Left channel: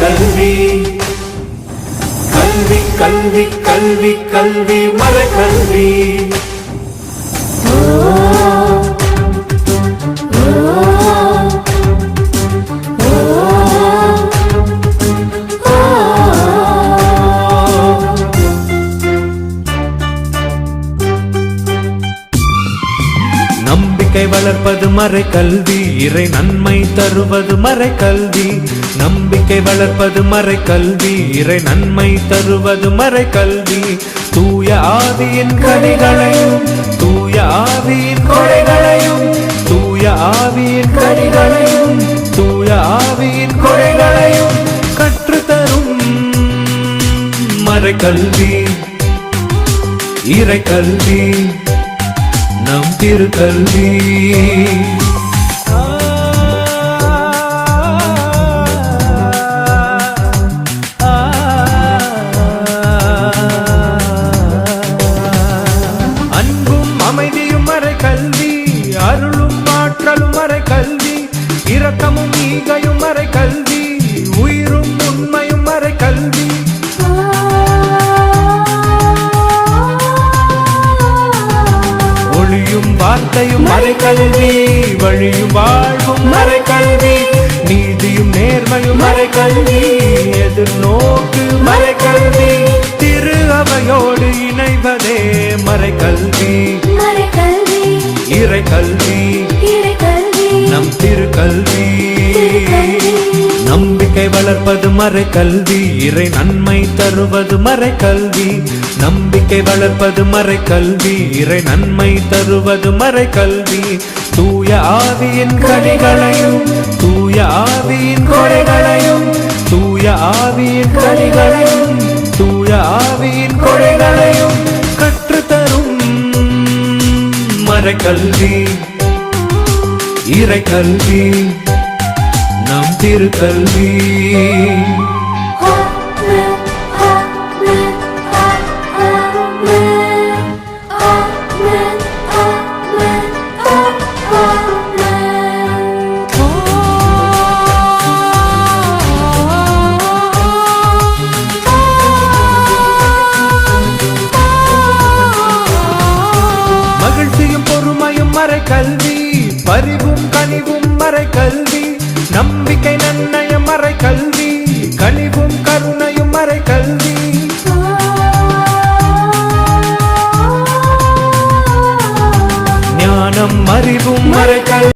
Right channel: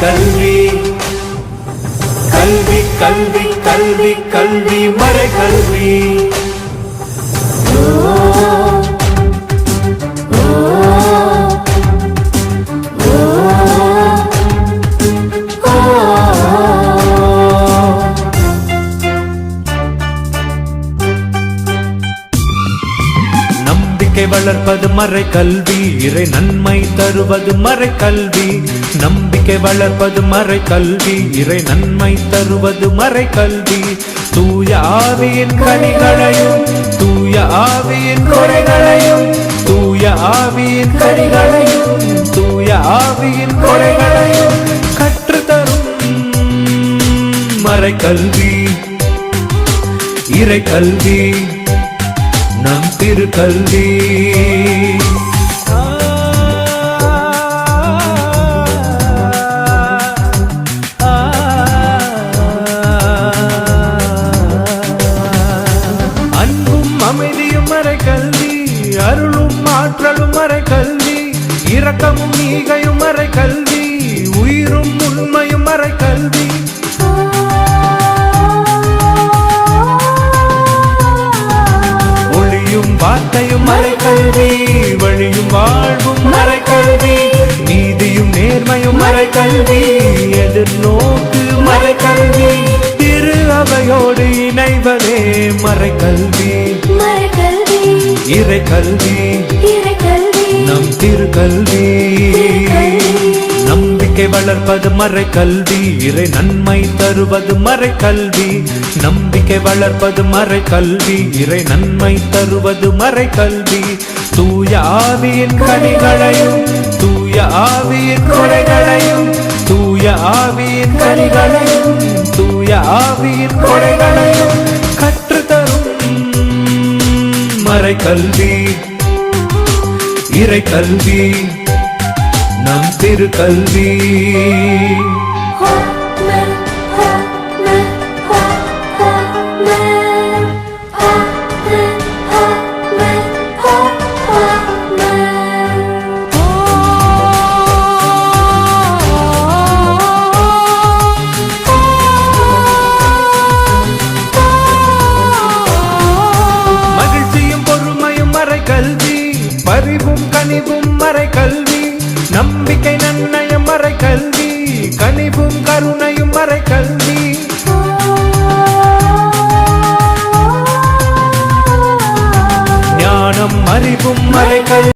கல்வி கல்வி கல்வி கல்வி கல்வி மறை கல்வி வளர்ப்பது மறை கல்வி இறை நன்மை தருவது மறை கல்வி நம்பிக்கை வளர்ப்பது மறை கல்வி இறை நன்மை தருவது மறை கல்வி தூய ஆவியின் கனிகளையும் தூய ஆவியின் கொடைகளையும் தூய ஆவியின் கனிகளையும் தூய ஆவியின் கொடைகளையும் கற்றுத்தரும் மறை கல்வி இறை கல்வி நம் திருக்கல்வி அன்பும் அமைதியும் மறை கல்வி அருளும் ஆற்றலும் மறை கல்வி இரக்கமும் ஈகையும் மறை கல்வி உயிரும் உண்மையும் மறை கல்வி வார்த்தையும் மறை கல்வி வழியும் வாழ்வும் மறை கல்வி நீதியும் நேர்மையும் மறை கல்வி எதிர்நோக்கு மறை கல்வி திரு அவையோடு இணைவதே மறை கல்வி இறை கல்வி நம் திருக்கல்வி நம்பிக்கை வளர்ப்பது மறை கல்வி இறை நன்மை தருவது மறை கல்வி நம்பிக்கை வளர்ப்பது மறை கல்வி இறை நன்மை தருவது மறை கல்வி தூய ஆவியின் கனிகளையும் தூய ஆவியின் கொடைகளையும் தூய ஆவியின் கனிகளையும் தூய ஆவியின் கொடைகளையும் கற்றுத்தரும் மறை கல்வி இறை கல்வி